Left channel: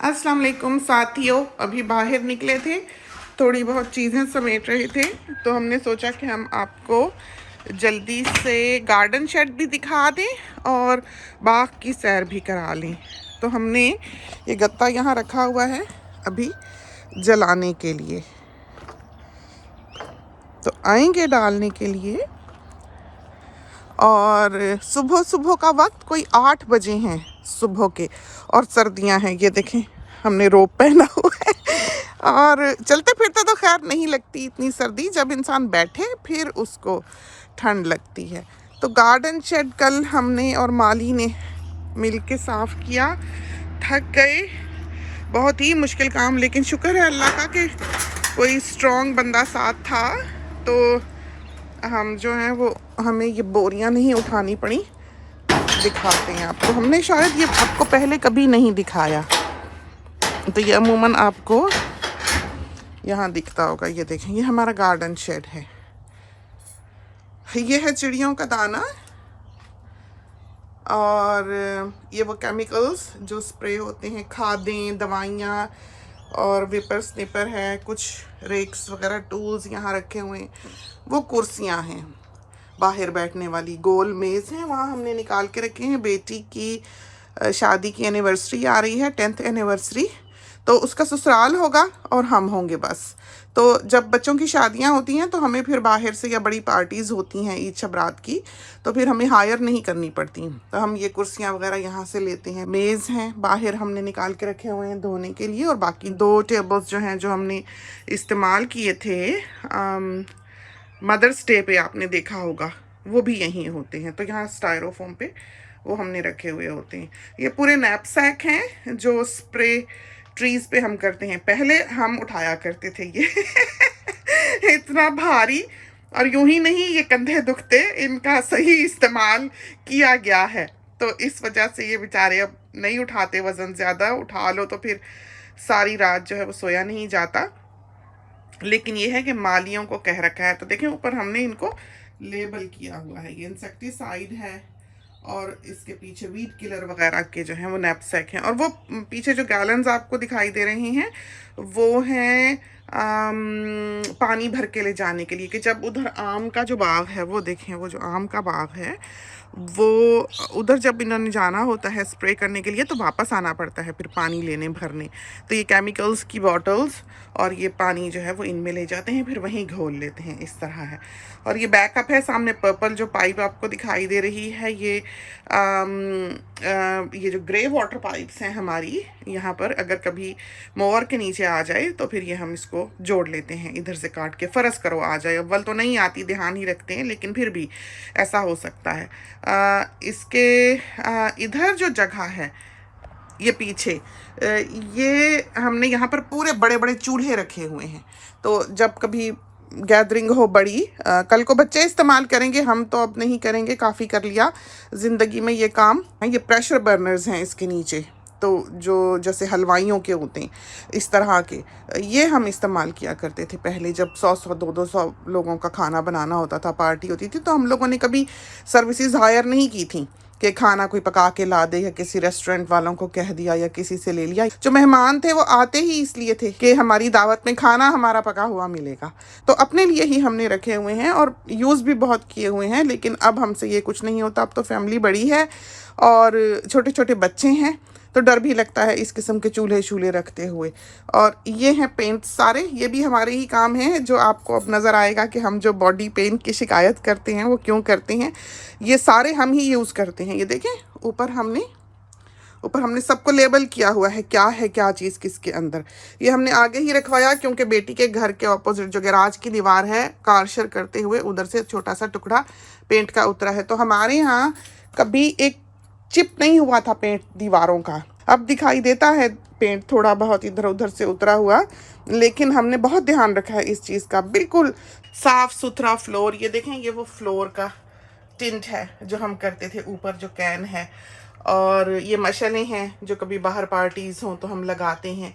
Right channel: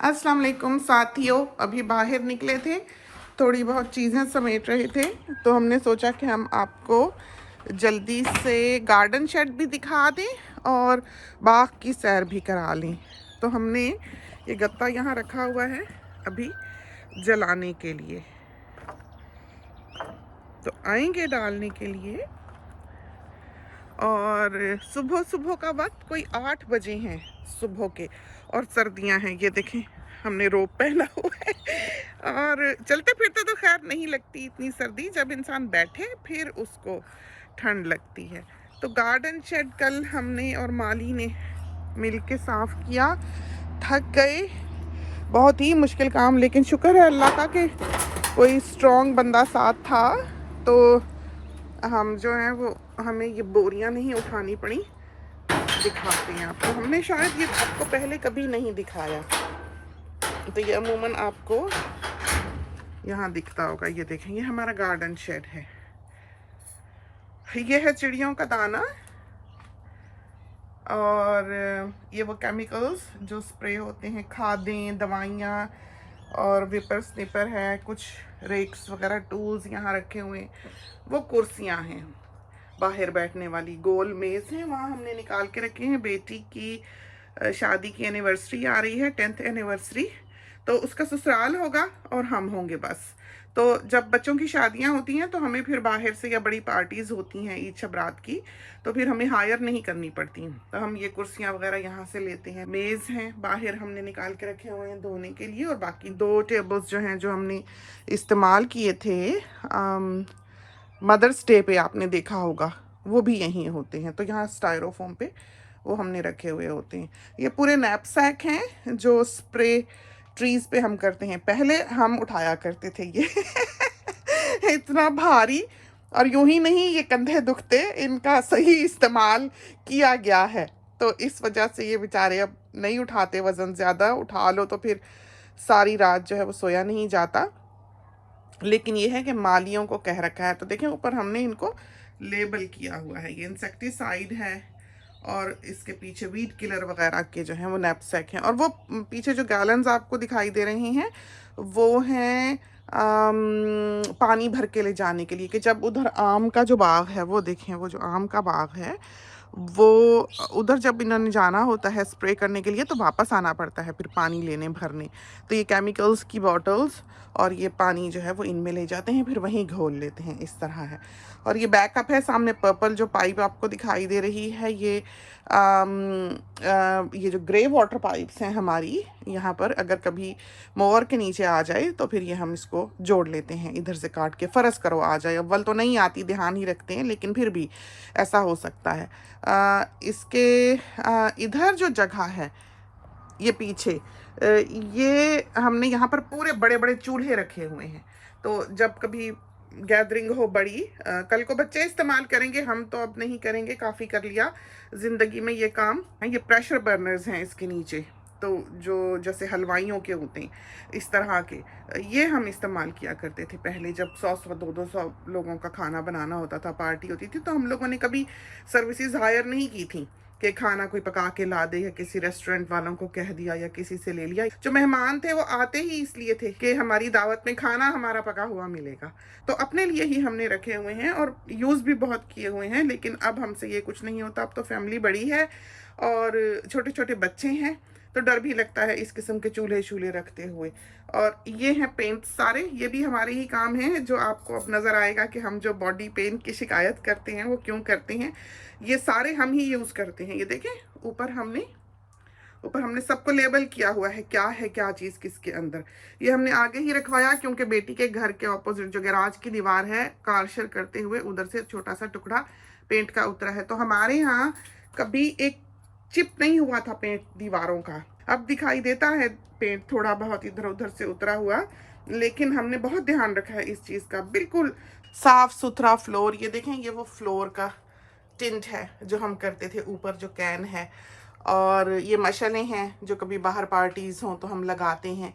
अस्सलाम वालेकुम साथियों, अभी बाहर निकले थे, थोड़ी बहुत चीज़ें समेट रहे थे, तो हमने सोचा कि हम आपको जल्दी से गार्डन शेड भी दिखा दें और बाग की सैर भी करा लें। तो हमने ये गत्ता यहाँ रखा हुआ है अभी जलाने के लिए, तो आएंगे डालने के लिए। और सुबह सुबह का वक्त कोई 8 बजे हैं सुबह के, और सर्दियां हैं। ये देखें, हमने रोब पहना हुआ है और चलते फिरते तो खैर नहीं लगती इतनी सर्दी, जब इंसान बैठे फिर उसको ठंड लगती है। तो गार्डन शेड कल हमने और माली ने मिल के साफ़ किया। थक गए, बहुत ही मुश्किल काम, लेकिन शुक्र है अल्लाह का कि कोई स्ट्रॉन्ग बंदा साथ था, तो हम जो हैं वो हमें ये बोरियां नहीं उठानी पड़ी। दिखाते हैं आपको, हमने शायद ये आपको पहले कभी नहीं दिखाया, तो ये अमूमन आपको यहाँ दिखता होगा। ये देखें, ये हमारा गार्डन शेड है। ये है चिड़ियों का दाना, और ये वो केमिकल्स जो स्प्रे होते हैं, खादें, दवाइयाँ, और विपर स्निपर है, कुछ रेक्स वगैरह टूल्स यहाँ रखे हुए हैं। वो कुर्सियाँ हैं बाहर बैठने वाली, गोल मेज़ है, वहाँ हमने निकाल के रखे हैं। बेटी की शादी की एनिवर्सरी आ रही है, 10th एनिवर्सरी, तो उसका ससुराल होगा और हम होंगे बस। तो जब बच्चों की शादियां होती हैं तो हमें फिर बाहर से, या बड़ी पार्टीज़ होती हैं ईद शबरात की, तो फिर हमें हायर नहीं करनी पड़ती, तो हम ये कुर्सियां वगैरह यहाँ से लेते हैं। मेज़ हैं बाहर हमने निकाल के रखे हुए हैं धोने के लिए, और बाकी 2 टेबल्स जो हैं जो हमने इस्तेमाल किए थे मदर्स डे पे, आपने देखा होगा, वो भी यहीं होते हैं। तो यहाँ स्टायरोफोम पे वो हमने रखे हुए होते हैं। ये पूरे नैपसैक हैं जो स्प्रे ट्रीज़ पे हम करते हैं, पहले हम उठाया करते थे ये इतना भारी, और यूं ही नहीं ये कंधे दुखते, इनका सही इस्तेमाल किया गया है, तो इस वजह से ये बेचारे अब नहीं उठाते वज़न। ज़्यादा उठा लो तो फिर सारी रात जो है वो सोया नहीं जाता। लेकिन ये है कि मालियों को कह रखा है। तो देखें, ऊपर हमने इनको लेबल किया हुआ है, ये इंसेक्टिसाइड है, और इसके पीछे वीड किलर वगैरह के जो हैं वो नैपसैक हैं। और वो पीछे जो गैलन्स आपको दिखाई दे रहे हैं वो हैं पानी भर के ले जाने के लिए, कि जब उधर आम का जो बाग है, वो देखें, वो जो आम का बाग है, वो उधर जब इन्होंने जाना होता है स्प्रे करने के लिए, तो वापस आना पड़ता है फिर पानी लेने भरने। तो ये केमिकल्स की बॉटल्स और ये पानी जो है वो इनमें ले जाते हैं, फिर वहीं घोल लेते हैं, इस तरह है। और ये बैकअप है, सामने पर्पल जो पाइप आपको दिखाई दे रही है, ये जो ग्रे वाटर पाइप्स हैं हमारी यहाँ पर, अगर कभी मोवर के नीचे आ जाए तो फिर ये हम इसको जोड़ लेते हैं, इधर से काट के। फ़र्ज़ करो आ जाए, अव्वल तो नहीं आती, ध्यान ही रखते हैं, लेकिन फिर भी ऐसा हो सकता है। इसके इधर जो जगह है, ये पीछे, ये हमने यहाँ पर पूरे बड़े बड़े चूल्हे रखे हुए हैं, तो जब कभी गैदरिंग हो बड़ी, कल को बच्चे इस्तेमाल करेंगे, हम तो अब नहीं करेंगे, काफ़ी कर लिया ज़िंदगी में ये काम। ये प्रेशर बर्नर्स हैं इसके नीचे, तो जो जैसे हलवाइयों के होते हैं इस तरह के, ये हम इस्तेमाल किया करते थे पहले, जब 100-100 200 लोगों का खाना बनाना होता था, पार्टी होती थी, तो हम लोगों ने कभी सर्विसेज हायर नहीं की थी कि खाना कोई पका के ला दे, या किसी रेस्टोरेंट वालों को कह दिया या किसी से ले लिया। जो मेहमान थे वो आते ही इसलिए थे कि हमारी दावत में खाना हमारा पका हुआ मिलेगा, तो अपने लिए ही हमने रखे हुए हैं और यूज़ भी बहुत किए हुए हैं। लेकिन अब हमसे ये कुछ नहीं होता, अब तो फैमिली बड़ी है और छोटे छोटे बच्चे हैं, तो डर भी लगता है इस किस्म के चूल्हे शूल्हे रखते हुए। और ये हैं पेंट सारे, ये भी हमारे ही काम हैं, जो आपको अब नज़र आएगा कि हम जो बॉडी पेंट की शिकायत करते हैं वो क्यों करते हैं, ये सारे हम ही यूज़ करते हैं। ये देखें, ऊपर हमने सबको लेबल किया हुआ है, क्या चीज़ किसके अंदर। ये हमने आगे ही रखवाया क्योंकि बेटी के घर के ऑपोजिट जो गैराज की दीवार है, कार शेयर करते हुए उधर से छोटा सा टुकड़ा पेंट का उतरा है, तो हमारे यहाँ कभी एक चिप नहीं हुआ था पेंट दीवारों का। अब दिखाई देता है पेंट थोड़ा बहुत इधर उधर से उतरा हुआ, लेकिन हमने बहुत ध्यान रखा है इस चीज़ का, बिल्कुल साफ सुथरा फ्लोर। ये देखें, ये वो फ्लोर का टिंट है जो हम करते थे, ऊपर जो कैन है, और ये मशलें हैं जो कभी बाहर पार्टीज़ हों तो हम लगाते हैं।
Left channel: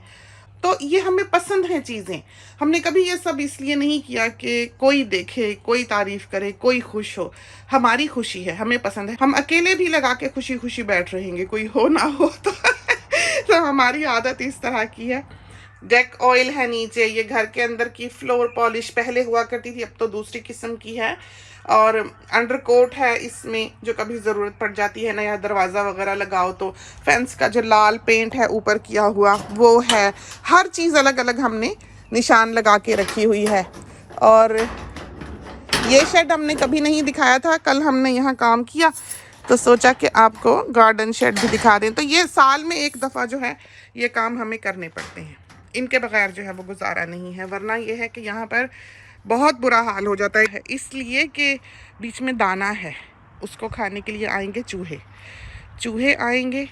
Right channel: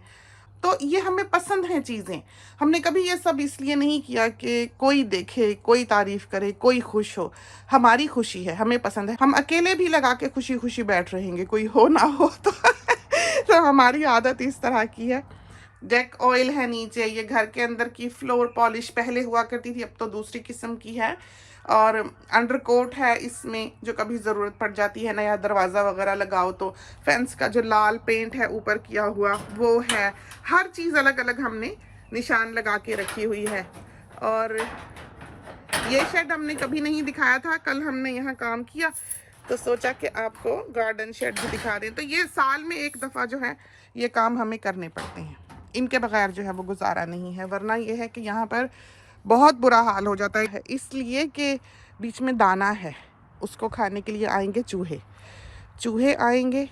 तो ये हमें पसंद हैं चीज़ें, हमने कभी ये सब इसलिए नहीं किया कि कोई देखे, कोई तारीफ़ करे, कोई खुश हो। हमारी खुशी है, हमें पसंद है, हम अकेले भी लगा के खुशी खुशी बैठ रहेंगे, कोई हो ना हो तो तो हमारी आदत इस तरह की है। डेक ऑयल है नीचे, ये घर के अंदर की फ्लोर पॉलिश पहले हुआ करती थी, अब तो दूसरी किस्म की है। और अंडरकोट है इसमें, जो कभी ज़रूरत पड़ जाती है, नया दरवाज़ा वगैरह लगाओ तो फेंस का जो लाल पेंट है ऊपर किया हुआ वो है। हर चीज़ अलग अलग हमने निशान लगा के रखी हुई है। और ये शेड हमने कभी नहीं दिखाया था, कल हमने यहाँ काम किया तो सोचा कि आपको गार्डन शेड भी दिखा दें। तो ये साल में एक दफ़ा जो है ये काम हमें करने पड़ते हैं, इनके बगैर जो है वो गुजारा नहीं है। वरना ये है कि यहाँ पर बहुत बुरा हाल हो जाता है, इसलिए कि बीच में दाना है, उसको खाने के लिए आएंगे चूहे आएंगे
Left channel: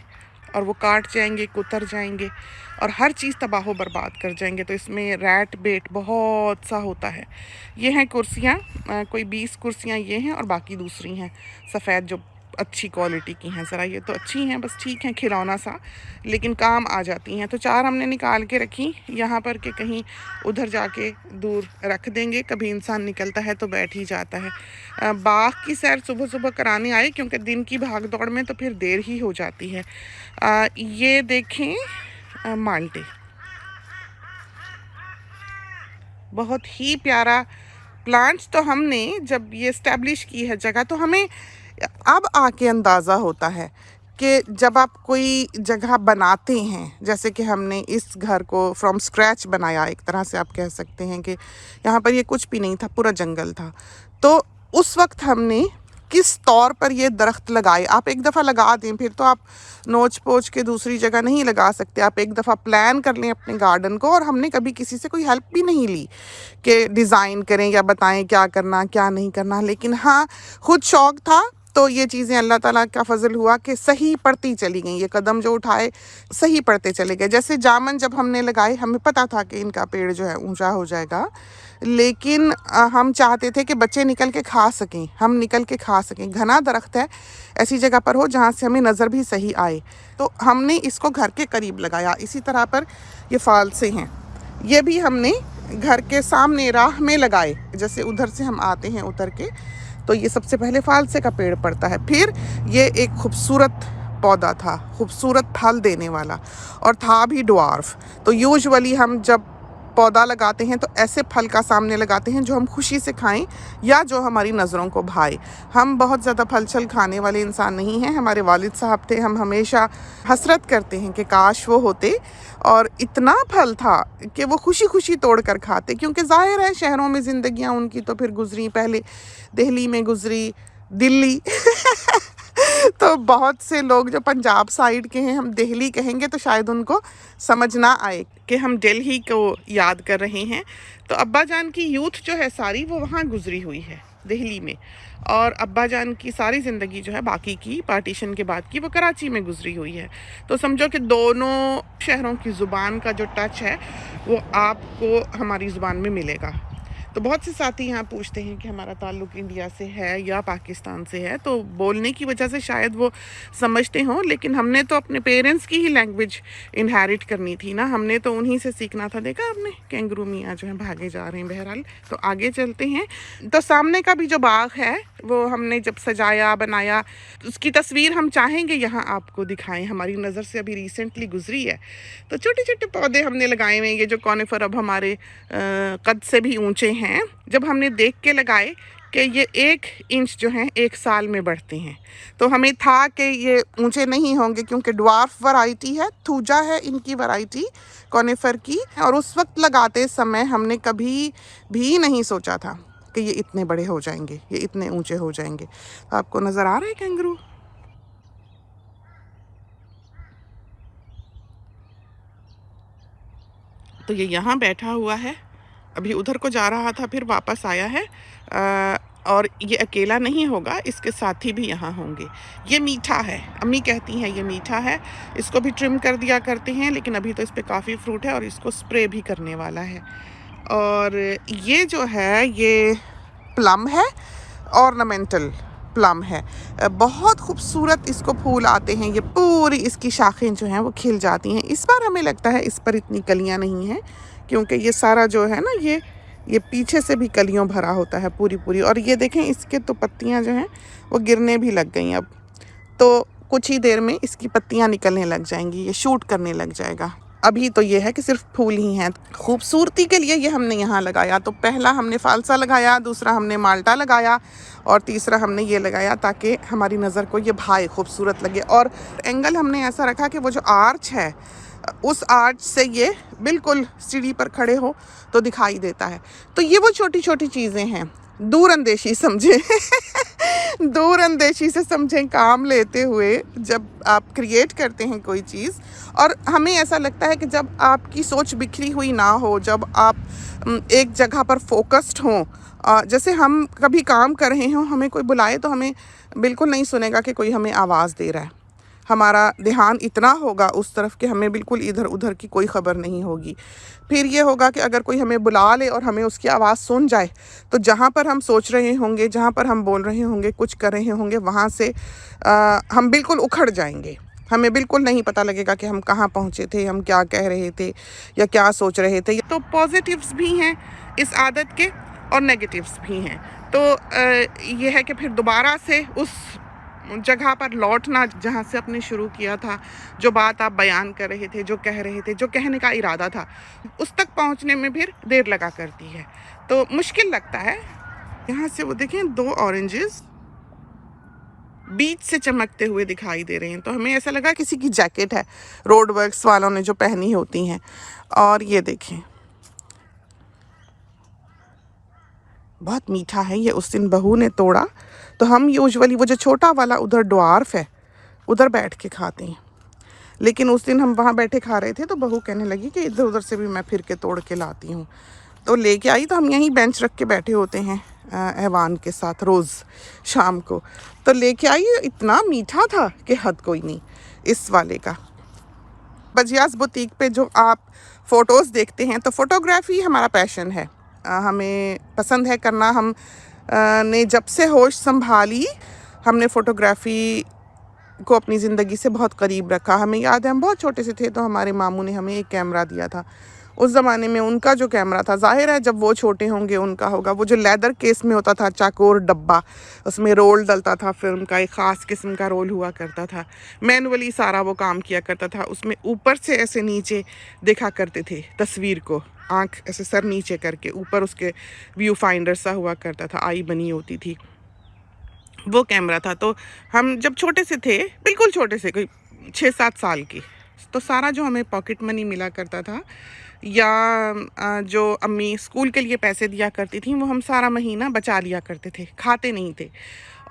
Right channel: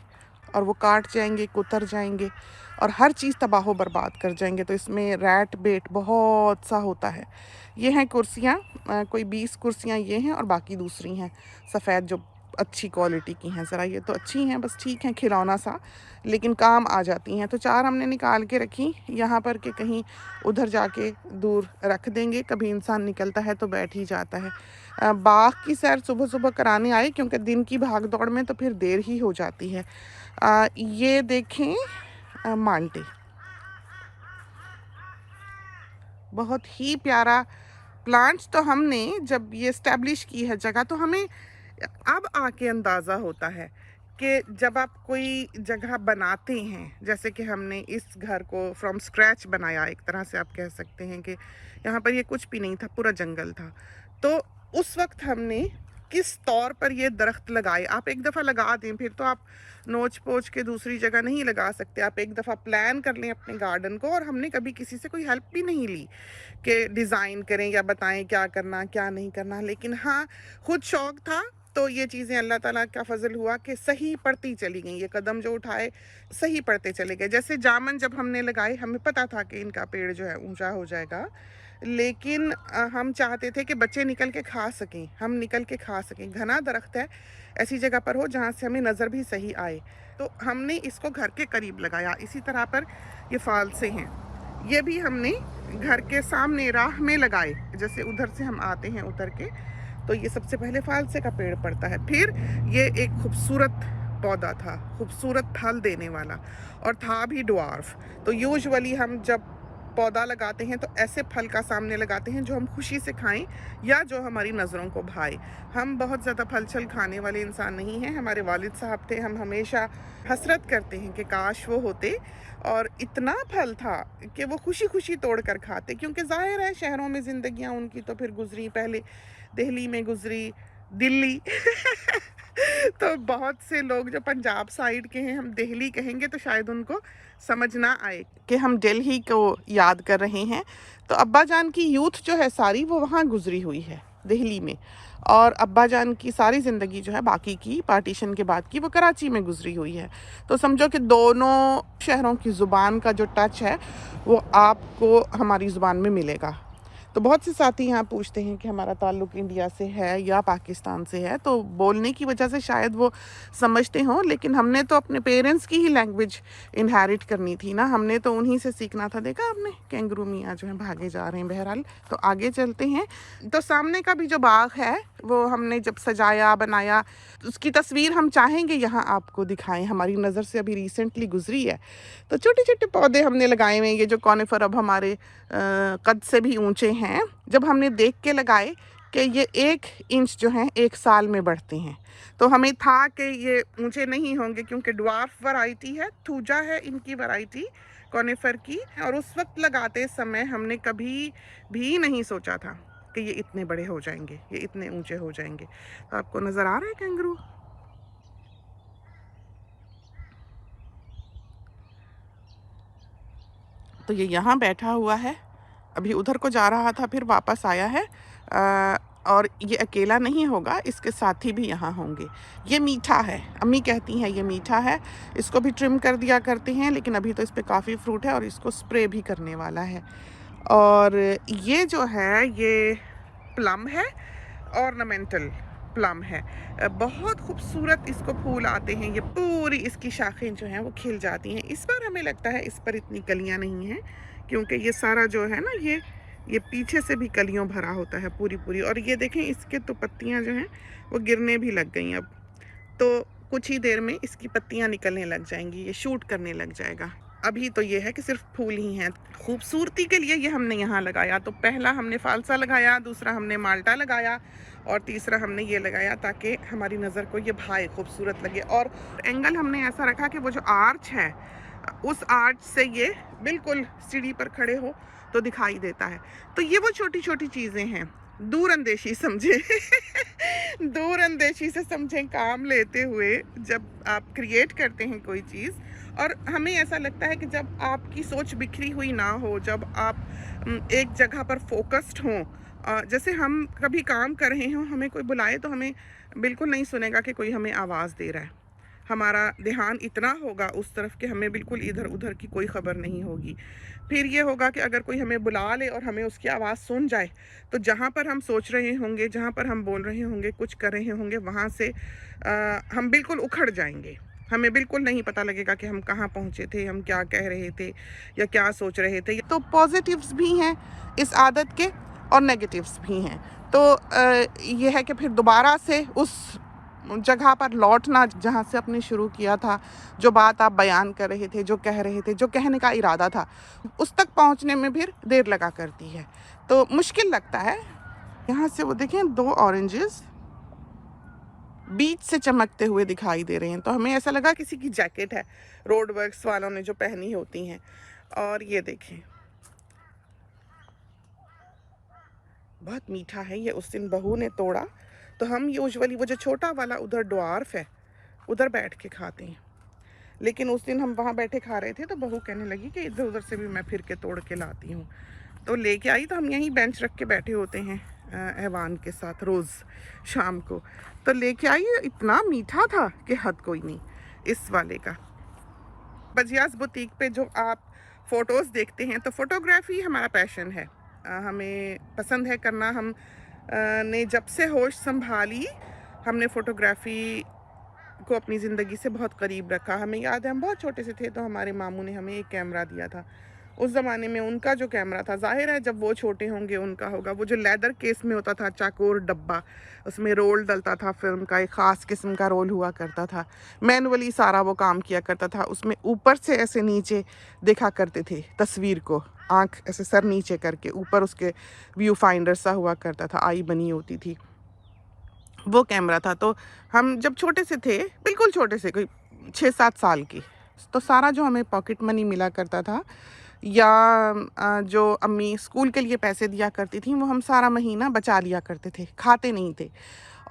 और वो काट जाएंगे, कुतर जाएंगे और हर चीज़ तबाह बर्बाद कर जाएंगे। तो इसमें रैट बेट बहुत सा होता है। ये हैं कुर्सियाँ, कोई 20 कुर्सियाँ ये हैं और बाकी दूसरी हैं सफ़ेद जो अच्छी क्वालिटी की हैं। ज़रा ये तो अच्छी हैं, बस ठीक हैं, खिलौना सा, लेकिन काम आ जाती हैं। तो 4 हमने निकाल के रखी यहाँ पर कि कहीं उधर जाके दूर रख देंगे, कभी इंसान निकलता है तो बैठ ही जाता है। बाग की सैर सुबह सुबह कराने आए क्योंकि दिन की भाग दौड़ में तो फिर देर ही हो जाती है। ये देखें माल्टे, बहुत ही प्यारा प्लांट्स। तो हमने जब ये इस्टेब्लिश की है जगह तो हमें अब आके अंदाज़ा होता है कि जब आप कोई जगह बनाते हैं, जैसे कि हमने इस घर को फ्रॉम स्क्रैच बनाया, एक तरह से आप कह सकते हैं कि यहाँ पर ये कुछ भी नहीं था, पूरा जंगल था। तो उस वक्त हमने किस तौर पर ये दरख्त लगाए। आप एक दफ़ा लगा दें फिर तो आप नोच पोच के दूसरी जगह नहीं लगा सकते। आप एक दफ़ा प्लान कर लें अपने गार्डन को। और हमने कभी किसी से कोई हेल्प भी नहीं ली कि डिज़ाइन करें या बताएं क्या करना क्या नहीं करना, लेकिन हाँ खुद शौक़ था। तो ये चीज़ें अल्लाह ताला का फजल हुआ कि सही पड़ती चली गई। ये कदम जो उठाए सही पड़ते चले गए। जैसे जामन जब हमने लगाए, हमें पता था कि इनका पेड़ जो है ऊंचा हो जाएगा, लेकिन हम चाहते थे कि बच्चे निकल के खा सकें, हम निकल के खा सकें। घना दरख्त है, ऐसी जगह पर हो जहाँ से हमें नज़र भी सही आए। तो हमने इसको घर के करीब लगाया। इसी तरह पर ये फालसे हैं, ये भी हमने घर के सामने राह में लगाए। जैसे उधर से हम आते हैं उतर के तो ये सबसे पहले फालसे का पेड़ पड़ता है। फिर ये एक खूबसूरत पौधा था, खूबसूरत फल देने वाला, और था भी ड्वार्फ। तो यूजुअली हम जब पौधा लगाते हैं तो ऐसे फल का सामने लगाते हैं जो हम खुशी से खाएं या जो हमारी नज़रों को भाए। हम बहुत ज़्यादा फल छल खाने वाले इंसान नहीं हैं। हमारे वालिद साहब थे, हम हमेशा हसरत करते हैं कि काश वो होते और इतना फल था कि वो खुशी खुशी तोड़ कर खाते। क्योंकि ज़ाहिर है शहरों में ज़िंदगियाँ उनकी तो फिर गुजरी, पहले दिल्ली में गुजरी, दिल्ली तो बहुत से लोग जो पंजाब साइड के हैं, हम दिल्ली कहेंगे तो शायद उनको समझ ना आए कि हम दिल्ली को याद कर रहे हैं। तो अब्बा जान की यूथ जो है सारी वो वहाँ गुजरी हुई है दिल्ली में, और अब्बा जान की सारी ज़िंदगी जो है बाकी की पार्टीशन के बाद की वो कराची में गुजरी हुई है। तो समझो कि दोनों शहरों की ज़ुबान का जो टच है वो आपको हमारी ज़ुबान में मिलेगा। तो बहुत से साथी यहाँ पूछते हैं कि हमारा ताल्लुक़ इंडिया से है या पाकिस्तान से है, तो बोलने की वजह से शायद वो समझते हों, लेकिन हमने तो अपने पेरेंट्स की ही लैंग्वेज इनहेरिट करनी थी ना, हमने तो उन्हीं से सीखना था। देखा आपने कैंगरू मियाँ जो हैं भागे जा रहे हैं। बहरहाल तो आगे चलते हैं। तो सामने का भी जो बाग है वो हमने जब सजाया बनाया, उसकी तस्वीर हम चाहेंगे यहाँ आपको दिखाएं, हमारी नज़र से अभी रिसेंटली गुजरी है। तो छोटे छोटे पौधे हमने लगाए हुए हैं, ये जो कॉनिफर अब हमारे कद से भी ऊंचे हैं। जब हमने देख के लगाए कि ये 1 इंच जो है 1 साल में बढ़ते हैं, तो हमें था कि ये ऊंचे नहीं होंगे क्योंकि ड्वार्फ वैरायटी है, थूजा है इनकी वैरायटी कॉनिफर की। और उस वक्त लगाते समय हमने कभी भी नहीं सोचा था कि ये इतने बड़े हो जाएंगे, ये इतने ऊंचे हो जाएंगे। तो आपको नज़र आ रहा है कैंगरू? तो ये यहाँ बैठा हुआ है, अभी उधर को जा रहा था फिर वापस आया है। और ये अकेला नहीं होगा, इसके साथी भी यहाँ होंगे। ये मीठा है, अम्मी कहती हैं ये मीठा है। इसको भी ट्रिम कर दिया करते हैं, लेकिन अभी तो इस पर काफ़ी फ्रूट है और इसको स्प्रे भी करने वाला है। और ये जो है ये प्लम है, ऑर्नामेंटल प्लम है, बहुत खूबसूरत इसको फूल आते हैं। ये पूरी इसकी शाखें जो हैं वो खिल जाती हैं। इस बार हमें लगता है इस पर इतनी कलियां नहीं हैं क्योंकि ये सारा जो है ना ये पीछे से भी कलियों भरा होता है पूरी पूरी। और ये देखें इसके तो पत्तियां जो हैं वो गिरने भी लग गई अब। तो कुछ ही देर में इसकी पत्तियां निकलने लग जाएंगी, ये शूट करने लग जाएगा। अभी तो ये है कि सिर्फ फूल ही हैं। खूबसूरती के लिए ये हमने यहाँ लगाया, तो पहला हमने फालसा लगाया, दूसरा हमने माल्टा लगाया और तीसरा हमने ये लगाया ताकि हमारी नज़र को ये भाई खूबसूरत लगे। और एंगल हमने ऐसा रखा कि वो जो आर्च है उस आर्च से ये बिल्कुल सीढ़ी पर खड़े हो तो दिखाई देता है। तो ये वो छोटी छोटी चीज़ें हैं, दूरअंदेशी समझें दूरअंदेशी से समझें काम लेते हुए जब आप क्रिएट करते हैं कोई चीज़। और हमें ऐसा लगता है कि जब आपकी सोच बिखरी हुई ना हो, जब आप एक जगह पर फोकस्ड हों, जैसे हम कभी काम कर रहे हों, हमें कोई बुलाए तो हमें बिल्कुल नहीं सुनेगा कि कोई हमें आवाज़ दे रहा है। हमारा ध्यान इतना होगा उस तरफ कि हमें बिल्कुल इधर उधर की कोई ख़बर नहीं होगी। फिर ये होगा कि अगर कोई हमें बुला ले और हमें उसकी आवाज़ सुन जाए तो जहाँ पर हम सोच रहे होंगे, जहाँ पर हम बोल रहे होंगे, कुछ कर रहे होंगे, वहाँ से हम बिल्कुल उखड़ जाएंगे। हमें बिल्कुल नहीं पता लगेगा कि हम कहाँ पहुँचे थे, हम क्या कह रहे थे या क्या सोच रहे थे। तो पॉजिटिव्स भी हैं इस आदत के और नेगेटिव्स भी हैं। तो ये है कि फिर दोबारा से उस जगह पर लौटना जहाँ से आपने शुरू किया था, जो बात आप बयान कर रहे थे, जो कह रहे थे, जो कहने का इरादा था, उस तक पहुँचने में फिर देर लगा करती है, तो मुश्किल लगता है। यहाँ से वो देखें 2 ऑरेंजेस बीच से चमकते हुए दिखाई दे रहे हैं, तो हमें ऐसा लगा किसी की जैकेट है, रोड वर्क्स वालों ने जो पहनी होती हैं। और ये देखें बहुत मीठा है ये, उस दिन बहू ने तोड़ा तो हम यूजुअली वो जो छोटा वाला उधर ड्वार्फ है उधर बैठ के खाते हैं, लेकिन उस दिन हम वहाँ बैठे खा रहे थे तो बहू कहने लगी कि इधर उधर से भी मैं फिर के तोड़ के लाती हूँ, तो लेके आई। तो हम यहीं बेंच रख के बैठे होते हैं ऐवान के साथ रोज़ शाम को, तो लेके आई। इतना मीठा था कि हद कोई नहीं इस वाले का। बजियास बुटीक पे जो आप फ़ोटोज़ देखते हैं, तो फ़ोटोग्राफ़ी हमारा पैशन है, हमें पसंद है करना। हम ने जब से होश संभाली हमने फ़ोटोग्राफ़ी को अपनी ज़िंदगी से बहुत करीब रखा। हमें याद है हम बहुत छोटे से थे तो हमारे मामू ने हमें एक कैमरा दिया था। उस ज़माने में उनका जो कैमरा था, ज़ाहिर है जब वो छोटे होंगे उनका होगा, वो जो लेदर केस में होता था, चाकोर डब्बा, उसमें रोल डलता था, फिल्म का एक ख़ास किस्म का रोल हुआ करता था, मैनुअली सारा वो काम किया करता था। उसमें ऊपर से ऐसे नीचे देखा करते थे तस्वीर को, आँख ऐसे सर नीचे करके, ऊपर उसके व्यू फाइंडर सा हुआ करता था, आई बनी होती थी, वो कैमरा था। तो हम जब छोटे से थे, बिल्कुल छोटे से, कोई 6-7 साल की, तो सारा जो हमें पॉकेट मनी मिला करता था या जो अम्मी स्कूल के लिए पैसे दिया करती थी, वो हम सारा महीना बचा लिया करते थे, खाते नहीं थे,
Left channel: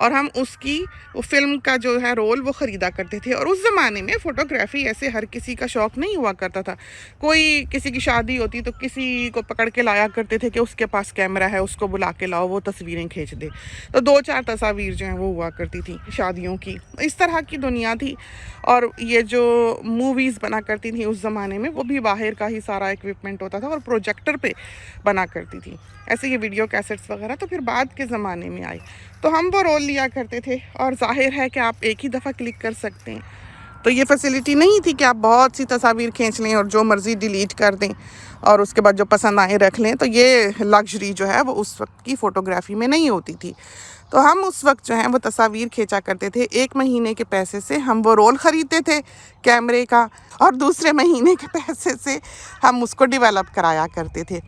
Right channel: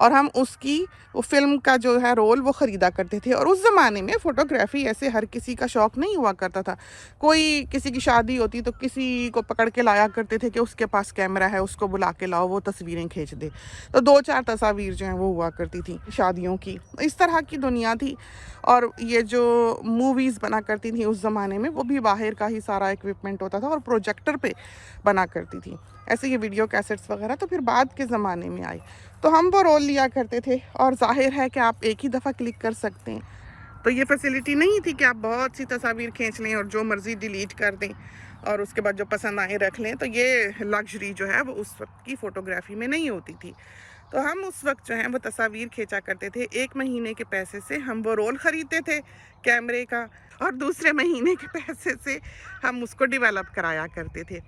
और हम उसकी वो फ़िल्म का जो है रोल वो ख़रीदा करते थे। और उस ज़माने में फ़ोटोग्राफ़ी ऐसे हर किसी का शौक़ नहीं हुआ करता था। कोई किसी की शादी होती तो किसी को पकड़ के लाया करते थे कि उसके पास कैमरा है, उसको बुला के लाओ, वो तस्वीरें खींच दे। तो 2-4 तस्वीर जो हैं वो हुआ करती थी शादियों की। इस तरह की दुनिया थी। और ये जो मूवीज़ बना करती थी उस ज़माने में, वो भी बाहर का ही सारा इक्विपमेंट होता था और प्रोजेक्टर पे बना करती थी। ऐसे ये वीडियो कैसेट्स वगैरह तो फिर बाद के ज़माने में आए, तो हम वो रोल लिया करते थे। और ज़ाहिर है कि आप एक ही दफ़ा क्लिक कर सकते हैं, तो ये फैसिलिटी नहीं थी कि आप बहुत सी तस्वीर खींच लें और जो मर्ज़ी डिलीट कर दें और उसके बाद जो पसंद आए रख लें। तो ये लग्जरी जो है वो उस वक्त की फ़ोटोग्राफ़ी में नहीं होती थी। तो हम उस वक्त जो है वो तस्वीर खींचा करते थे। 1 महीने के पैसे से हम वो रोल ख़रीदते थे कैमरे का, और दूसरे महीने के पैसे से हम उसको डेवलप कराया करते थे।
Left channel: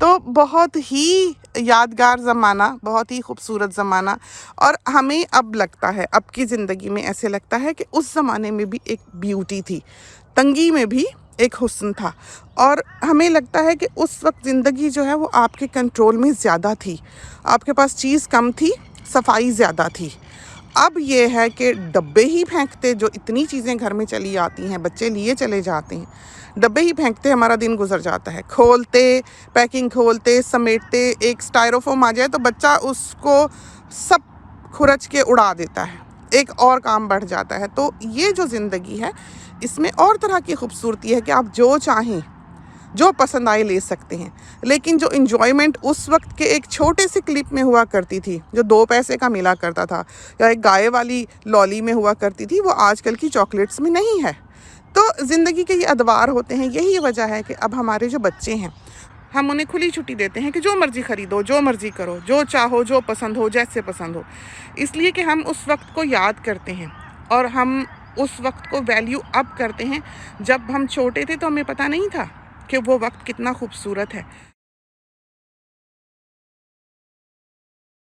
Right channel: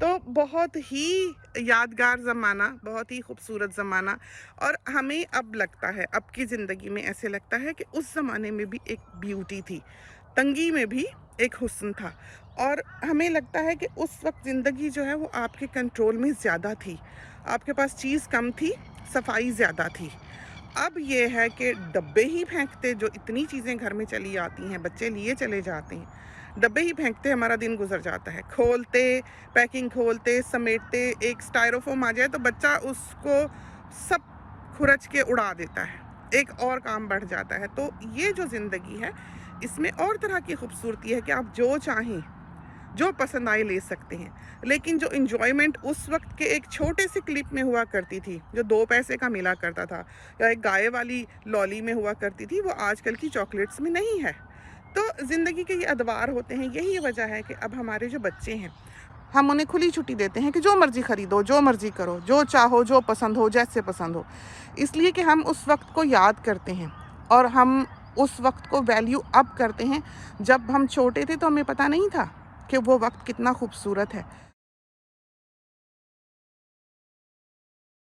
तो बहुत ही यादगार ज़माना, बहुत ही खूबसूरत ज़माना। और हमें अब लगता है, अब की ज़िंदगी में ऐसे लगता है कि उस ज़माने में भी एक ब्यूटी थी, तंगी में भी एक हुस्न था। और हमें लगता है कि उस वक्त ज़िंदगी जो है वो आपके कंट्रोल में ज़्यादा थी, आपके पास चीज़ कम थी, सफाई ज़्यादा थी। अब ये है कि डब्बे ही फेंकते, जो इतनी चीज़ें घर में चली आती हैं, बच्चे लिए चले जाते हैं, डब्बे ही फेंकते हमारा दिन गुजर जाता है, खोलते, पैकिंग खोलते, समेटते। एक स्टायरोफोम आ जाए तो बच्चा उसको सब खुरच के उड़ा देता है, एक और काम बढ़ जाता है। तो ये जो ज़िंदगी है इसमें और तरह की खूबसूरती है कि आप जो चाहें, जो पसंद आए ले सकते हैं। लेकिन जो इन्जॉयमेंट उस वक्त के एक छोटे से क्लिप में हुआ करती थी, जो 2 पैसे का मिला करता था, या एक गाय वाली लॉली में हुआ करती थी, वो आजकल की चॉकलेट्स में नहीं है। तो ज़िंदगी के ये अदवार होते हैं। यही वजह है कि अब हमारे जो बच्चे हैं, हम उन्हें खुली छुट्टी देते हैं कि जो मर्ज़ी ख़रीदो, जो मर्ज़ी करो, जो चाहो, जो पसंद हो, जैसे पसंद हो। इसलिए कि हम उस वक्त को याद करते हैं, और हम उस वक्त को वैल्यू अब करते हैं। जब हम छोटे थे तो हमें पता नहीं था कि वो वक्त कितना खूबसूरत है।